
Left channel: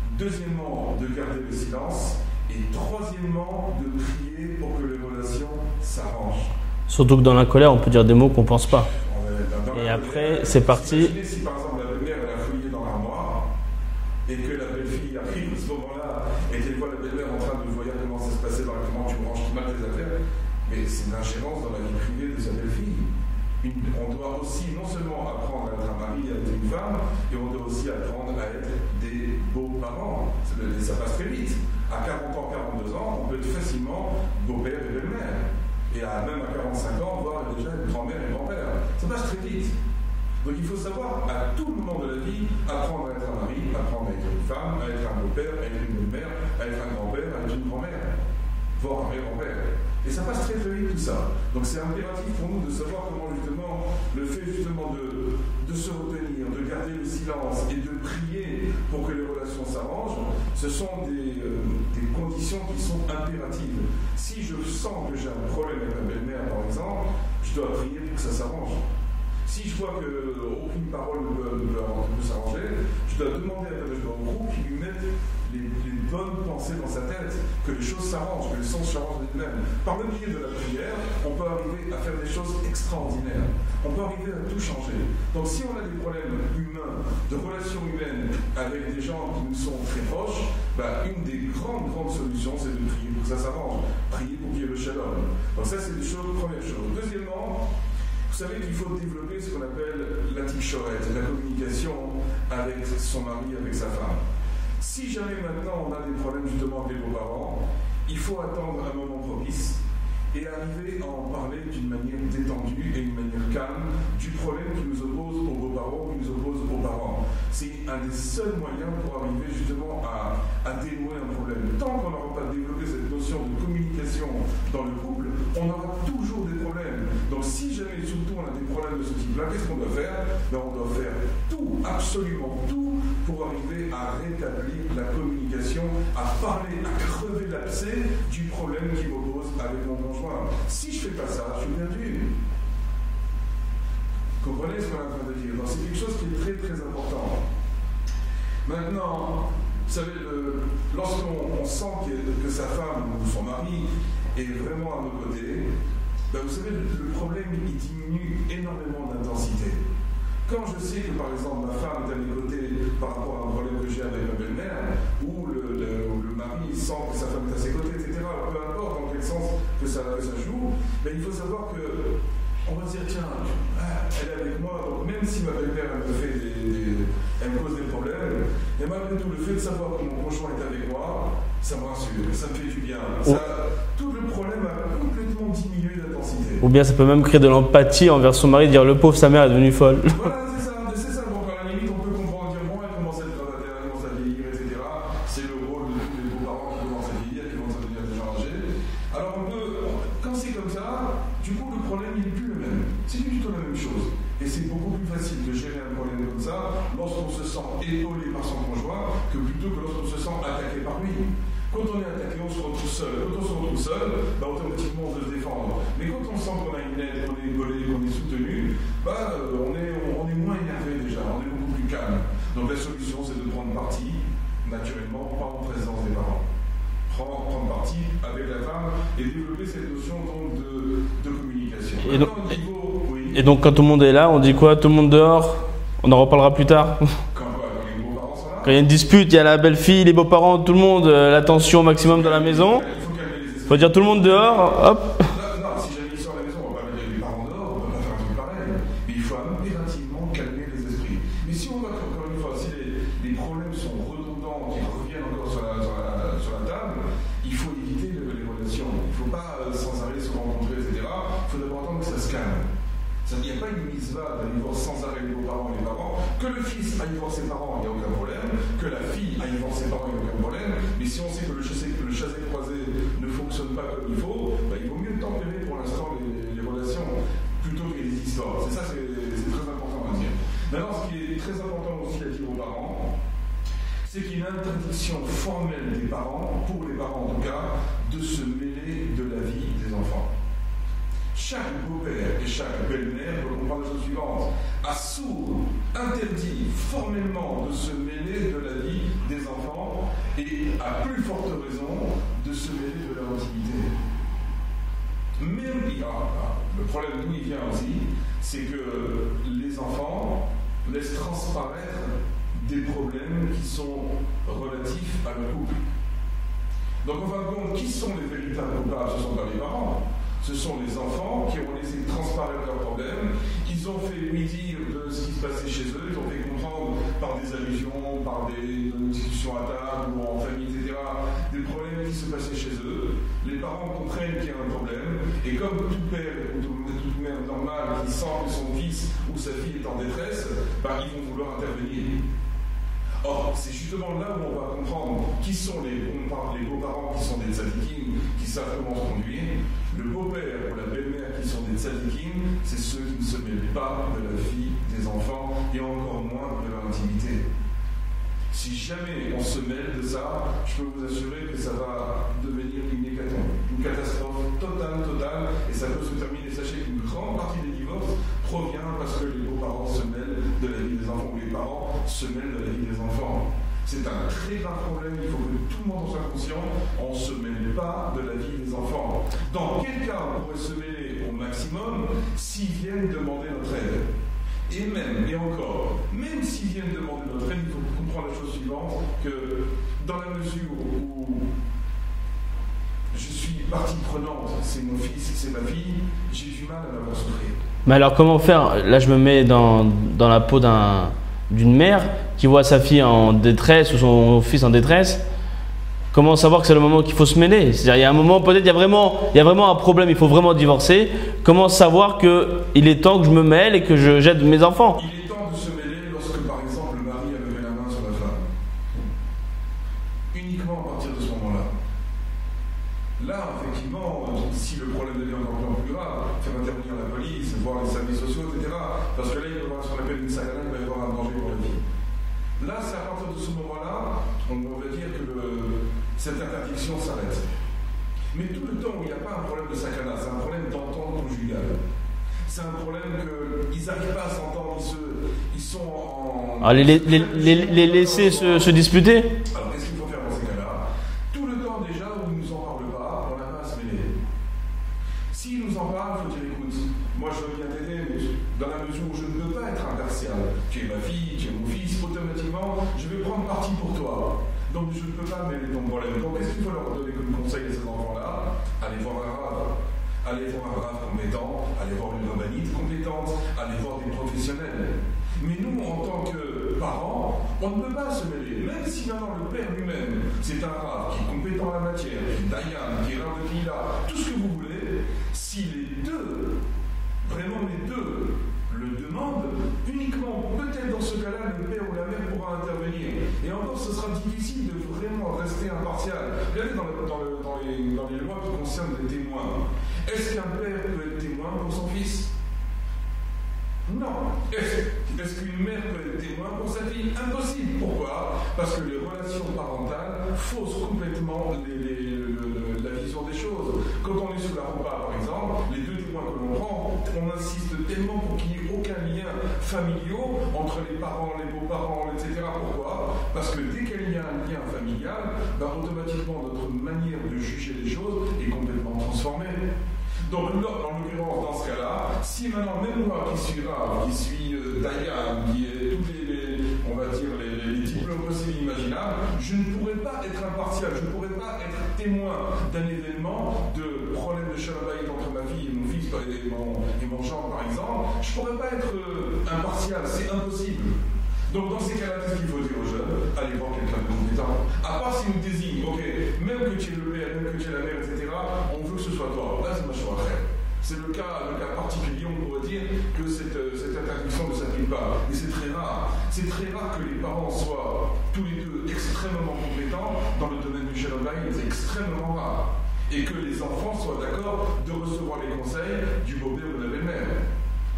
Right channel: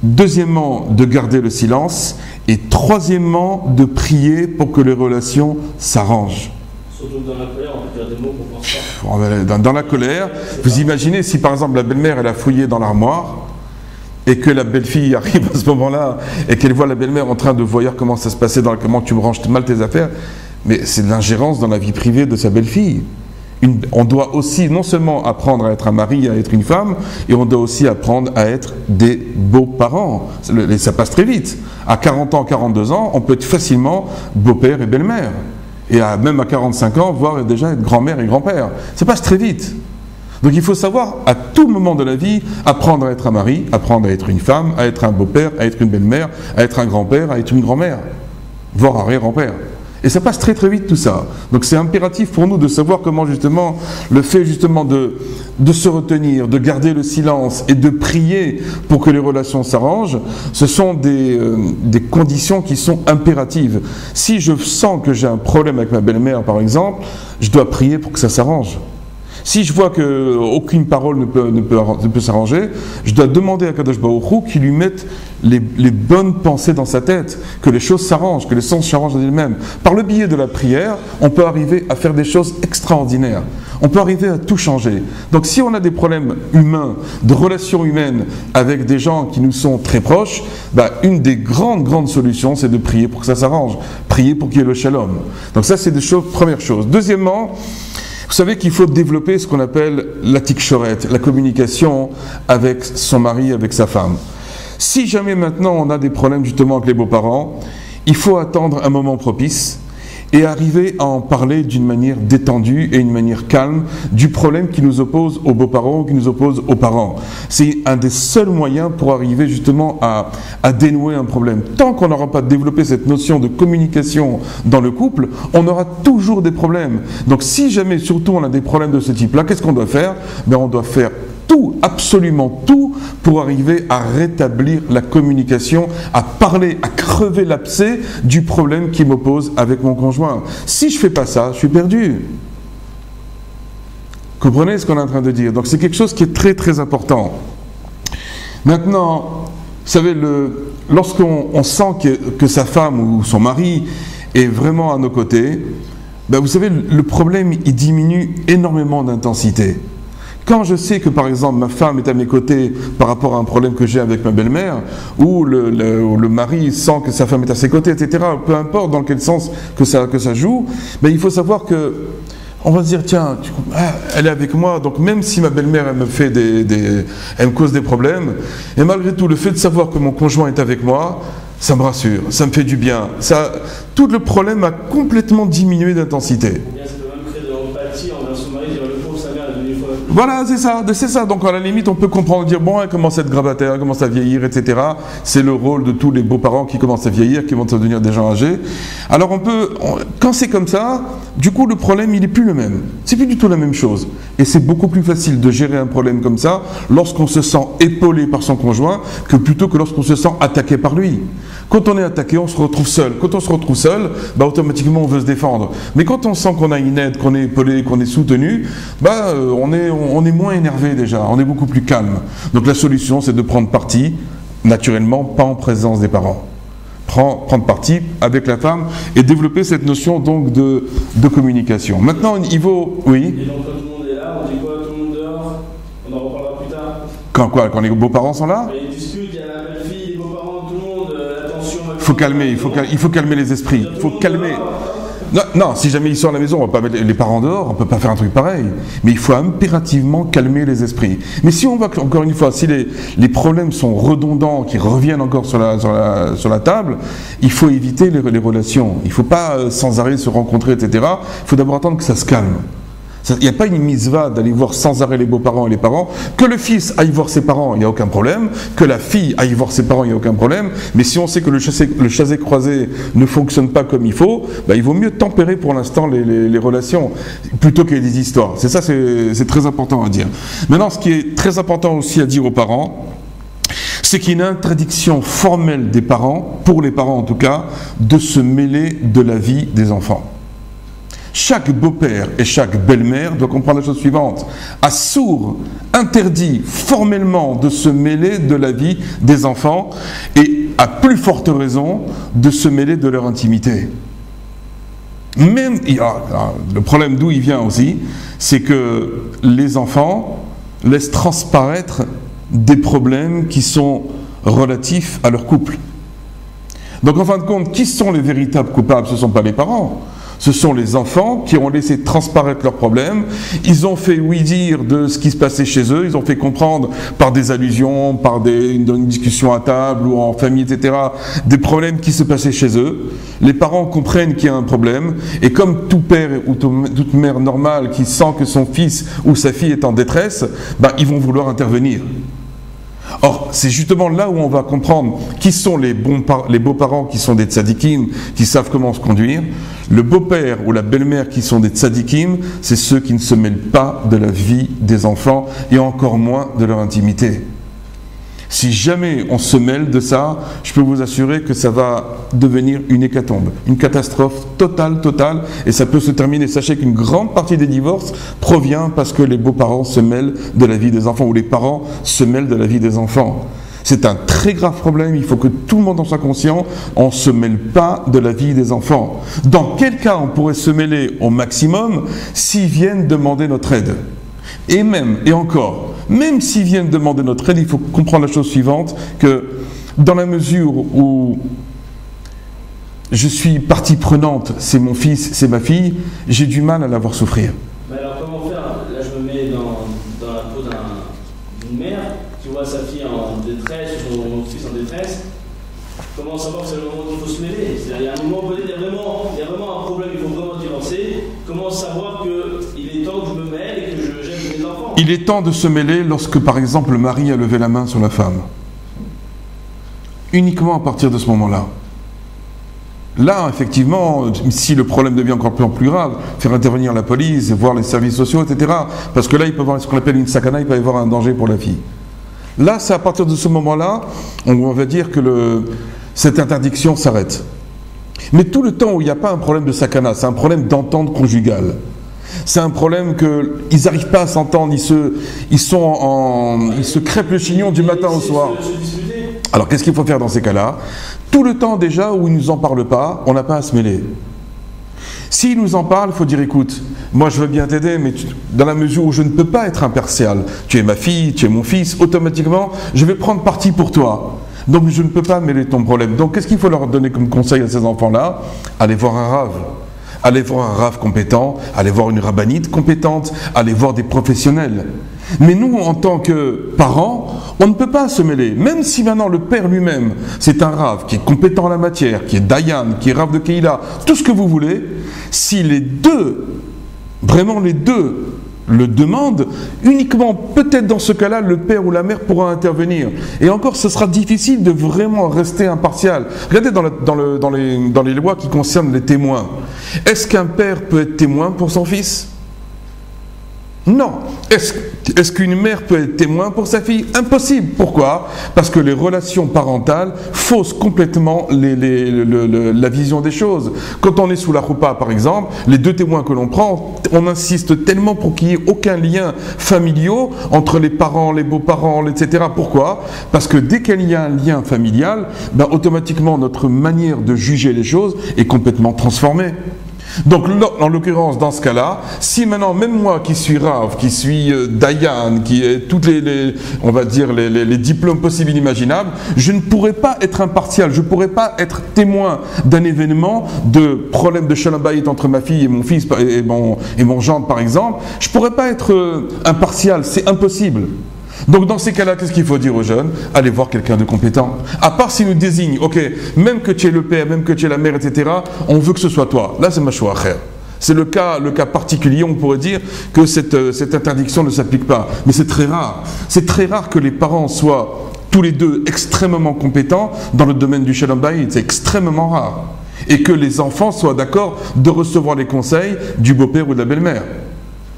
Deuxièmement, de garder le silence. Et troisièmement, de prier pour que les relations s'arrangent. Surtout que dans la colère, on peut dire des mots qu'on ne pense pas. Dans la colère, vous imaginez si par exemple la belle-mère elle a fouillé dans l'armoire et que la belle-fille arrive à ce moment-là et qu'elle voit la belle-mère en train de voir comment ça se passait, comment tu ranges mal tes affaires, mais c'est de l'ingérence dans la vie privée de sa belle-fille. On doit aussi non seulement apprendre à être un mari, à être une femme, et on doit aussi apprendre à être des beaux-parents. Ça passe très vite. À 40 ans, 42 ans, on peut être facilement beau-père et belle-mère. Et même à 45 ans, voire déjà être grand-mère et grand-père. Ça passe très vite. Donc il faut savoir, à tout moment de la vie, apprendre à être un mari, apprendre à être une femme, à être un beau-père, à être une belle-mère, à être un grand-père, à être une grand-mère, voire arrière-grand-père. Et ça passe très très vite tout ça. Donc c'est impératif pour nous de savoir comment justement le fait justement de se retenir, de garder le silence et de prier pour que les relations s'arrangent, ce sont des conditions qui sont impératives. Si je sens que j'ai un problème avec ma belle-mère par exemple, je dois prier pour que ça s'arrange. Si je vois qu'aucune parole ne peut s'arranger, je dois demander à Kadosh Baruch Hu qu'il lui mette les bonnes pensées dans sa tête, que les choses s'arrangent, que les sens s'arrangent d'elles-mêmes. Par le biais de la prière, on peut arriver à faire des choses extraordinaires. On peut arriver à tout changer. Donc si on a des problèmes humains, de relations humaines avec des gens qui nous sont très proches, une des grandes solutions, c'est de prier pour que ça s'arrange. Prier pour qu'il y ait le shalom. Donc ça, c'est première chose. Deuxièmement, vous savez qu'il faut développer ce qu'on appelle la tikchoret, la communication avec son mari, avec sa femme. Si jamais maintenant on a des problèmes justement avec les beaux-parents, il faut attendre un moment propice et arriver à en parler d'une manière détendue et une manière calme du problème qui nous oppose aux beaux-parents ou qui nous oppose aux parents. C'est un des seuls moyens pour arriver justement à dénouer un problème. Tant qu'on n'aura pas développé cette notion de communication dans le couple, on aura toujours des problèmes. Donc si jamais surtout on a des problèmes de ce type-là, qu'est-ce qu'on doit faire? Ben, on doit faire tout, absolument tout, pour arriver à rétablir la communication, à parler, à crever l'abcès du problème qui m'oppose avec mon conjoint. Si je ne fais pas ça, je suis perdu. Comprenez ce qu'on est en train de dire? Donc c'est quelque chose qui est très très important. Maintenant, vous savez, lorsqu'on sent que sa femme ou son mari est vraiment à nos côtés, ben vous savez, le problème il diminue énormément d'intensité. Quand je sais que par exemple ma femme est à mes côtés par rapport à un problème que j'ai avec ma belle-mère, ou le mari sent que sa femme est à ses côtés, etc., peu importe dans quel sens que ça joue, ben il faut savoir que on va se dire, tiens, elle est avec moi, donc même si ma belle-mère elle me cause des problèmes, et malgré tout le fait de savoir que mon conjoint est avec moi, ça me rassure, ça me fait du bien. Tout le problème a complètement diminué d'intensité. Ou bien ça peut même créer de l'empathie envers son mari, dire le pauvre, sa mère est devenue folle. Voilà, c'est ça. Donc à la limite, on peut comprendre, dire bon, elle commence à être grabataire, elle commence à vieillir, etc. C'est le rôle de tous les beaux-parents qui commencent à vieillir, qui vont devenir des gens âgés. Alors quand c'est comme ça, du coup le problème il n'est plus le même. C'est plus du tout la même chose. Et c'est beaucoup plus facile de gérer un problème comme ça lorsqu'on se sent épaulé par son conjoint que plutôt que lorsqu'on se sent attaqué par lui. Quand on est attaqué, on se retrouve seul. Quand on se retrouve seul, bah, automatiquement on veut se défendre. Mais quand on sent qu'on a une aide, qu'on est épaulé, qu'on est soutenu, bah, on est moins énervé déjà, on est beaucoup plus calme. Donc la solution, c'est de prendre parti, naturellement, pas en présence des parents. Prendre parti avec la femme et développer cette notion donc de communication. Maintenant, il faut... Oui. Et donc quand tout le monde est là, on dit quoi? Tout le monde dehors? On en reparlera plus tard. Quand les beaux-parents sont là? Quand il y a une dispute, il y a la belle-fille, les beaux-parents, tout le monde, la tension maximum à la maison. Il faut calmer les esprits. Il faut dire tout le monde dehors, hop. Non, si jamais ils sont à la maison, on ne va pas mettre les parents dehors, on ne peut pas faire un truc pareil. Mais il faut impérativement calmer les esprits. Mais si on voit encore une fois, si les problèmes sont redondants, qui reviennent encore sur la table, il faut éviter les relations. Il ne faut pas sans arrêt se rencontrer, etc. Il faut d'abord attendre que ça se calme. Il n'y a pas une mitzvah d'aller voir sans arrêt les beaux-parents et les parents. Que le fils aille voir ses parents, il n'y a aucun problème. Que la fille aille voir ses parents, il n'y a aucun problème. Mais si on sait que le chassé croisé ne fonctionne pas comme il faut, bah, il vaut mieux tempérer pour l'instant les relations plutôt qu'il y ait des histoires. C'est ça, c'est très important à dire. Maintenant, ce qui est très important aussi à dire aux parents, c'est qu'il y a une interdiction formelle des parents, pour les parents en tout cas, de se mêler de la vie des enfants. Chaque beau-père et chaque belle-mère doit comprendre la chose suivante. Assour interdit formellement de se mêler de la vie des enfants et à plus forte raison de se mêler de leur intimité. Même, le problème d'où il vient aussi, c'est que les enfants laissent transparaître des problèmes qui sont relatifs à leur couple. Donc en fin de compte, qui sont les véritables coupables? Ce ne sont pas les parents. Ce sont les enfants qui ont laissé transparaître leurs problèmes. Ils ont fait oui-dire de ce qui se passait chez eux. Ils ont fait comprendre par des allusions, par une discussion à table ou en famille, etc., des problèmes qui se passaient chez eux. Les parents comprennent qu'il y a un problème. Et comme tout père ou toute mère normale qui sent que son fils ou sa fille est en détresse, ben, ils vont vouloir intervenir. Or, c'est justement là où on va comprendre qui sont les beaux-parents qui sont des tzadikim, qui savent comment se conduire. Le beau-père ou la belle-mère qui sont des tzadikim, c'est ceux qui ne se mêlent pas de la vie des enfants et encore moins de leur intimité. Si jamais on se mêle de ça, je peux vous assurer que ça va devenir une hécatombe, une catastrophe totale, et ça peut se terminer. Sachez qu'une grande partie des divorces provient parce que les beaux-parents se mêlent de la vie des enfants, ou les parents se mêlent de la vie des enfants. C'est un très grave problème, il faut que tout le monde en soit conscient, on ne se mêle pas de la vie des enfants. Dans quel cas on pourrait se mêler au maximum s'ils viennent demander notre aide? Et même s'ils viennent demander notre aide, il faut comprendre la chose suivante, que dans la mesure où je suis partie prenante, c'est mon fils, c'est ma fille, j'ai du mal à la voir souffrir. Mais alors comment faire? Là je me mets dans la peau d'une mère qui voit sa fille en détresse ou son fils en détresse. comment savoir que c'est le moment qu'il faut se mêler? C'est-à-dire, il y a un moment, peut-être il y a vraiment un problème, il faut vraiment divorcer. Comment savoir qu'il est temps que je me mêle et que j'aide mes enfants? Il est temps de se mêler lorsque, par exemple, le mari a levé la main sur la femme. Uniquement à partir de ce moment-là. Là, effectivement, si le problème devient encore plus grave, faire intervenir la police, voir les services sociaux, etc. Parce que là, il peut y avoir ce qu'on appelle une sakana, il peut y avoir un danger pour la fille. Là, c'est à partir de ce moment-là, on va dire que cette interdiction s'arrête. Mais tout le temps où il n'y a pas un problème de sakana, c'est un problème d'entente conjugale. C'est un problème qu'ils n'arrivent pas à s'entendre, ils se crêpent le chignon du matin au soir. Se disputer. Alors qu'est-ce qu'il faut faire dans ces cas-là? Tout le temps déjà où ils ne nous en parlent pas, on n'a pas à se mêler. S'ils nous en parlent, il faut dire écoute, moi je veux bien t'aider, mais dans la mesure où je ne peux pas être impartial, tu es ma fille, tu es mon fils, automatiquement je vais prendre parti pour toi. Donc je ne peux pas mêler ton problème. Donc qu'est-ce qu'il faut leur donner comme conseil à ces enfants-là? Allez voir un rave. Allez voir un rave compétent, allez voir une rabbinite compétente, allez voir des professionnels. Mais nous, en tant que parents, on ne peut pas se mêler. Même si maintenant le père lui-même, c'est un rave qui est compétent en la matière, qui est dayan, qui est rave de Keïla, tout ce que vous voulez, si les deux, vraiment les deux, le demandent, uniquement peut-être dans ce cas-là, le père ou la mère pourra intervenir. Et encore, ce sera difficile de vraiment rester impartial. Regardez dans les lois qui concernent les témoins. Est-ce qu'un père peut être témoin pour son fils? Non. Est-ce qu'une mère peut être témoin pour sa fille? Impossible. Pourquoi? Parce que les relations parentales faussent complètement la vision des choses. Quand on est sous la roupa, par exemple, les deux témoins que l'on prend, on insiste tellement pour qu'il n'y ait aucun lien familial entre les parents, les beaux-parents, etc. Pourquoi? Parce que dès qu'il y a un lien familial, ben, automatiquement notre manière de juger les choses est complètement transformée. Donc, en l'occurrence, dans ce cas-là, si maintenant, même moi qui suis Rav, qui suis Dayan, qui ai toutes on va dire, les diplômes possibles et inimaginables, je ne pourrais pas être impartial, je ne pourrais pas être témoin d'un événement de problème de shalom bayit entre ma fille et mon fils et mon gendre, par exemple. Je ne pourrais pas être impartial, c'est impossible. Donc dans ces cas-là, qu'est-ce qu'il faut dire aux jeunes? Allez voir quelqu'un de compétent. À part s'il nous désigne, ok, même que tu es le père, même que tu es la mère, etc., on veut que ce soit toi. Là, c'est ma choix. C'est le cas particulier, on pourrait dire que cette interdiction ne s'applique pas. Mais c'est très rare. C'est très rare que les parents soient tous les deux extrêmement compétents dans le domaine du shalom bayit. C'est extrêmement rare. Et que les enfants soient d'accord de recevoir les conseils du beau-père ou de la belle-mère.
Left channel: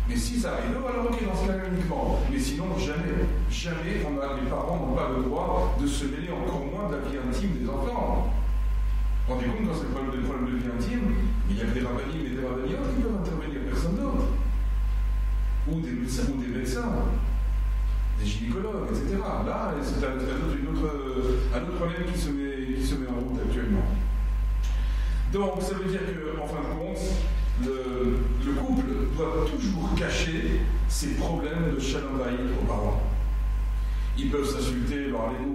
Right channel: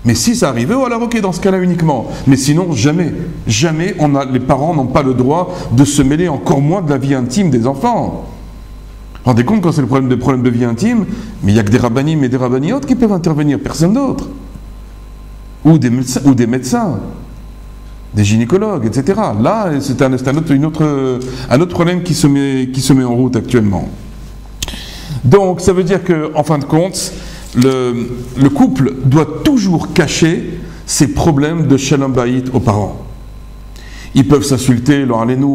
Mais si ça arrivait, alors ok, dans ce cas-là uniquement. Mais sinon, jamais. Jamais les parents n'ont pas le droit de se mêler, encore moins de la vie intime des enfants. Vous vous rendez compte quand c'est le problème de vie intime, mais il n'y a que des rabbinim et des rabbiniotes qui peuvent intervenir, personne d'autre. Ou des médecins, des gynécologues, etc. Là, c'est un autre problème qui se met en route actuellement. Donc, ça veut dire qu'en fin de compte, le couple doit toujours cacher ses problèmes de shalom bayit aux parents. Ils peuvent s'insulter,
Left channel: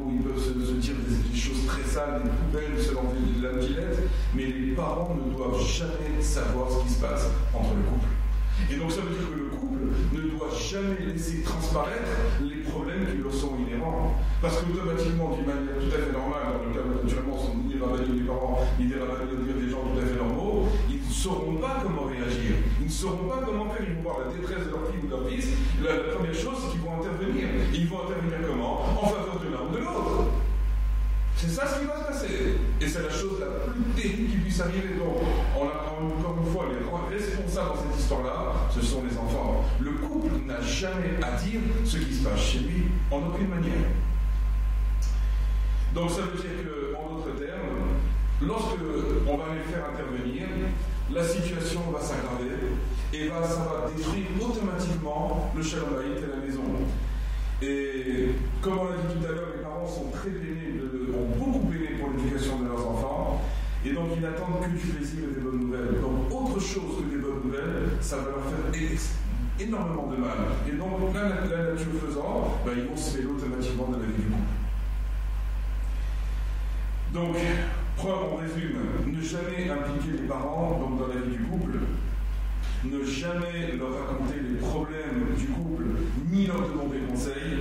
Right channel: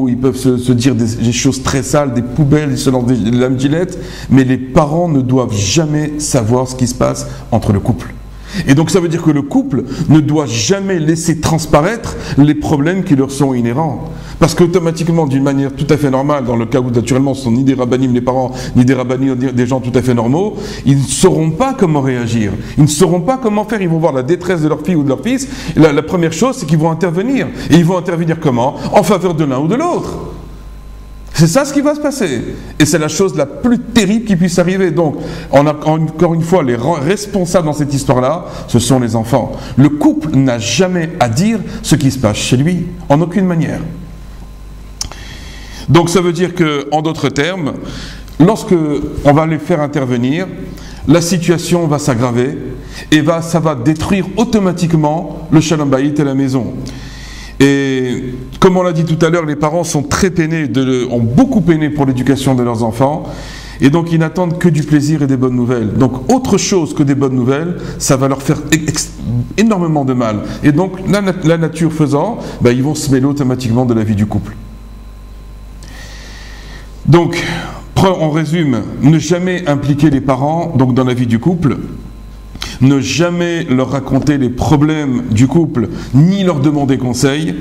ils peuvent se dire des choses très sales, des poubelles, ils se lancent des lames gilettes, mais les parents ne doivent jamais savoir ce qui se passe entre le couple. Et donc ça veut dire que le couple ne doit jamais laisser transparaître les problèmes qui leur sont inhérents. Parce qu'automatiquement, d'une manière tout à fait normale, dans le cas où naturellement ce ne sont ni des rabbinim les parents, ni des rabbinim des gens tout à fait normaux, ils ne sauront pas comment réagir. Ils ne sauront pas comment faire. Ils vont voir la détresse de leur fille ou de leur fils. Et la première chose, c'est qu'ils vont intervenir. Et ils vont intervenir comment? En faveur de l'un ou de l'autre. C'est ça ce qui va se passer. Et c'est la chose la plus terrible qui puisse arriver. Donc, encore une fois, les responsables dans cette histoire-là, ce sont les enfants. Le couple n'a jamais à dire ce qui se passe chez lui, en aucune manière. Donc, ça veut dire qu'en d'autres termes, lorsque on va les faire intervenir, la situation va s'aggraver et ça va détruire automatiquement le shalom bayit à la maison. Et comme on l'a dit tout à l'heure, les parents sont très peinés, ont beaucoup peiné pour l'éducation de leurs enfants, et donc ils n'attendent que du plaisir et des bonnes nouvelles. Donc autre chose que des bonnes nouvelles, ça va leur faire énormément de mal. Et donc la nature faisant, ils vont se mêler automatiquement de la vie du couple. Donc, on résume, ne jamais impliquer les parents donc dans la vie du couple. Ne jamais leur raconter les problèmes du couple, ni leur demander conseil.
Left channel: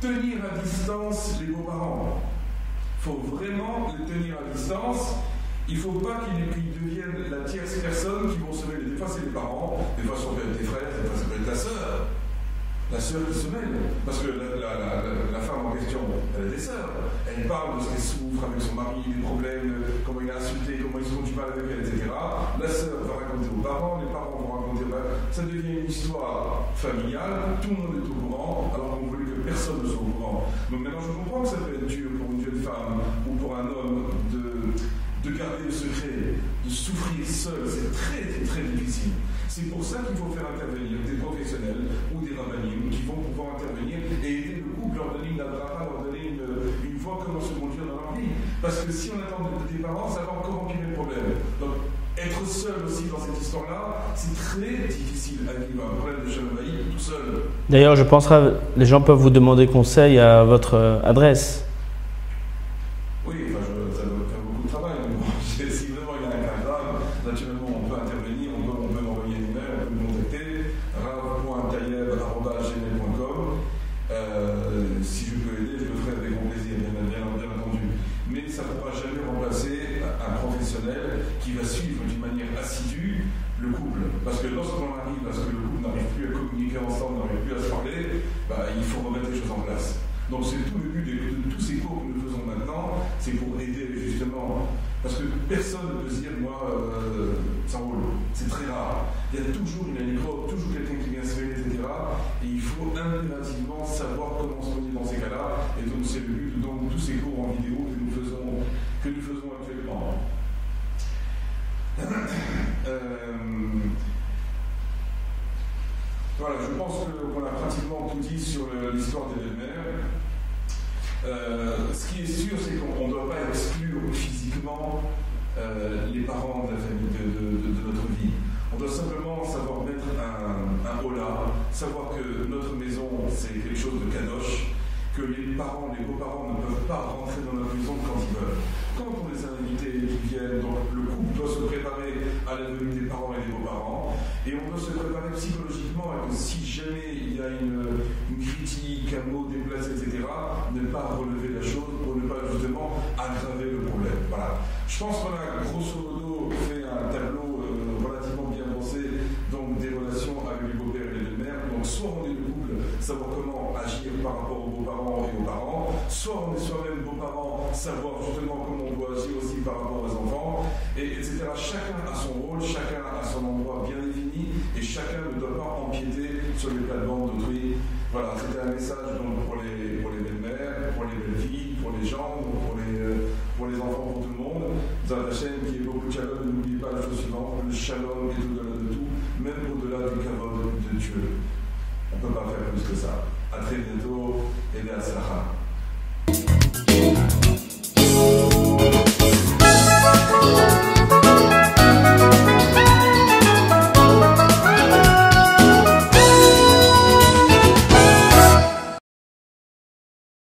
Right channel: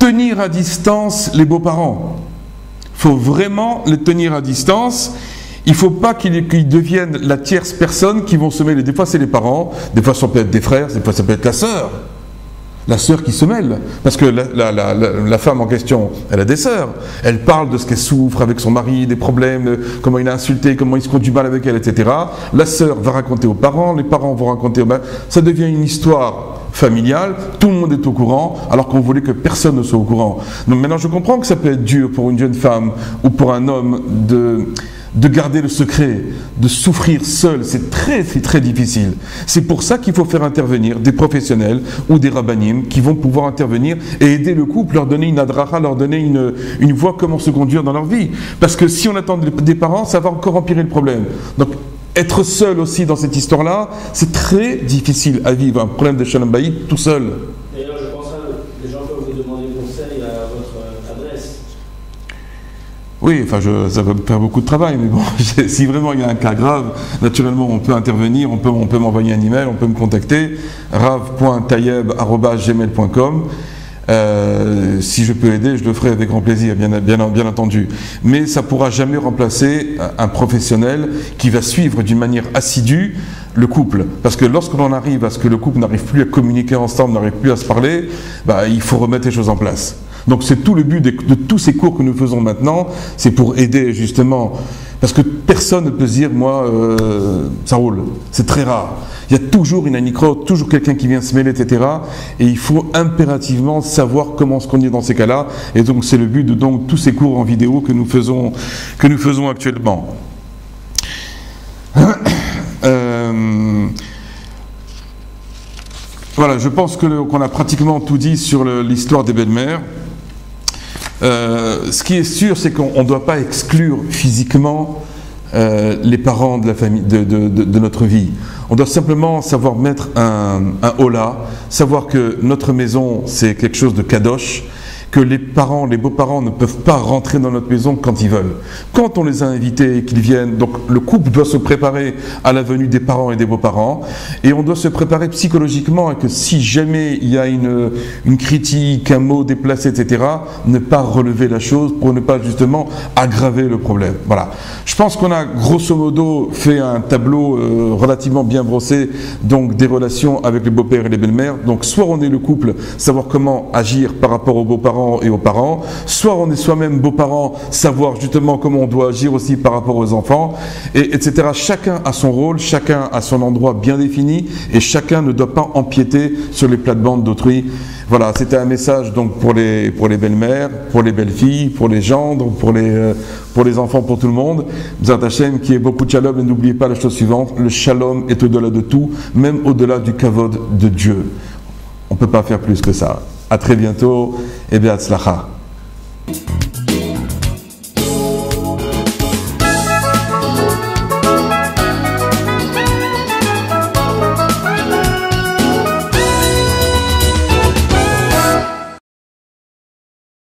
Tenir à distance les beaux-parents. faut vraiment les tenir à distance. Il ne faut pas qu'ils deviennent la tierce personne qui vont se mêler. Des fois, c'est les parents, des fois, ça peut être des frères, des fois, ça peut être la sœur. La sœur qui se mêle. Parce que la femme en question, elle a des sœurs. Elle parle de ce qu'elle souffre avec son mari, des problèmes, comment il a insulté, comment il se conduit mal avec elle, etc. La sœur va raconter aux parents, les parents vont raconter aux mères. Ça devient une histoire familiale, tout le monde est au courant, alors qu'on voulait que personne ne soit au courant. Donc maintenant, je comprends que ça peut être dur pour une jeune femme ou pour un homme de garder le secret, de souffrir seul, c'est très difficile. C'est pour ça qu'il faut faire intervenir des professionnels ou des rabbinim qui vont pouvoir intervenir et aider le couple, leur donner une adracha, leur donner une voie comment se conduire dans leur vie. Parce que si on attend des parents, ça va encore empirer le problème. Donc, être seul aussi dans cette histoire-là, c'est très difficile à vivre, un problème de shalom bayit tout seul. D'ailleurs, je penserai, les gens peuvent vous demander conseil à votre adresse. Oui, enfin, ça va me faire beaucoup de travail, mais bon, si vraiment il y a un cas grave, naturellement, on peut intervenir, on peut m'envoyer un email, on peut me contacter, rav.tayeb@gmail.com. Si je peux aider, je le ferai avec grand plaisir, bien entendu. Mais ça ne pourra jamais remplacer un professionnel qui va suivre d'une manière assidue le couple. Parce que lorsque l'on arrive à ce que le couple n'arrive plus à communiquer ensemble, n'arrive plus à se parler, il faut remettre les choses en place. Donc c'est tout le but de tous ces cours que nous faisons maintenant, c'est pour aider justement, parce que personne ne peut se dire, moi, ça roule, c'est très rare. Il y a toujours une anicro, toujours quelqu'un qui vient se mêler, etc. Et il faut impérativement savoir comment se conduire dans ces cas-là. Et donc c'est le but de tous ces cours en vidéo que nous faisons actuellement. Voilà, je pense qu'on a pratiquement tout dit sur l'histoire des belles-mères. Ce qui est sûr, c'est qu'on ne doit pas exclure physiquement les parents de la famille, de notre vie. On doit simplement savoir mettre un holà, savoir que notre maison, c'est quelque chose de kadosh, que les beaux-parents ne peuvent pas rentrer dans notre maison quand ils veulent. Quand on les a invités et qu'ils viennent, donc le couple doit se préparer à la venue des parents et des beaux-parents, et on doit se préparer psychologiquement à que si jamais il y a une critique, un mot déplacé, etc., ne pas relever la chose pour ne pas justement aggraver le problème. Voilà. Je pense qu'on a grosso modo fait un tableau relativement bien brossé donc des relations avec les beaux-pères et les belles-mères. Donc soit on est le couple, savoir comment agir par rapport aux beaux-parents et aux parents, soit on est soi-même beaux-parents, savoir justement comment on doit agir aussi par rapport aux enfants, etc. Chacun a son rôle, chacun a son endroit bien défini et chacun ne doit pas empiéter sur les plates-bandes d'autrui. Voilà, c'était un message donc pour les belles-mères, pour les belles-filles, pour les gendres, pour les enfants, pour tout le monde. B'ezrat Hashem, qui est beaucoup de shalom, et n'oubliez pas la chose suivante, le shalom est au-delà de tout, même au-delà du kavod de Dieu. On ne peut pas faire plus que ça. À très bientôt et bien, hatzlacha.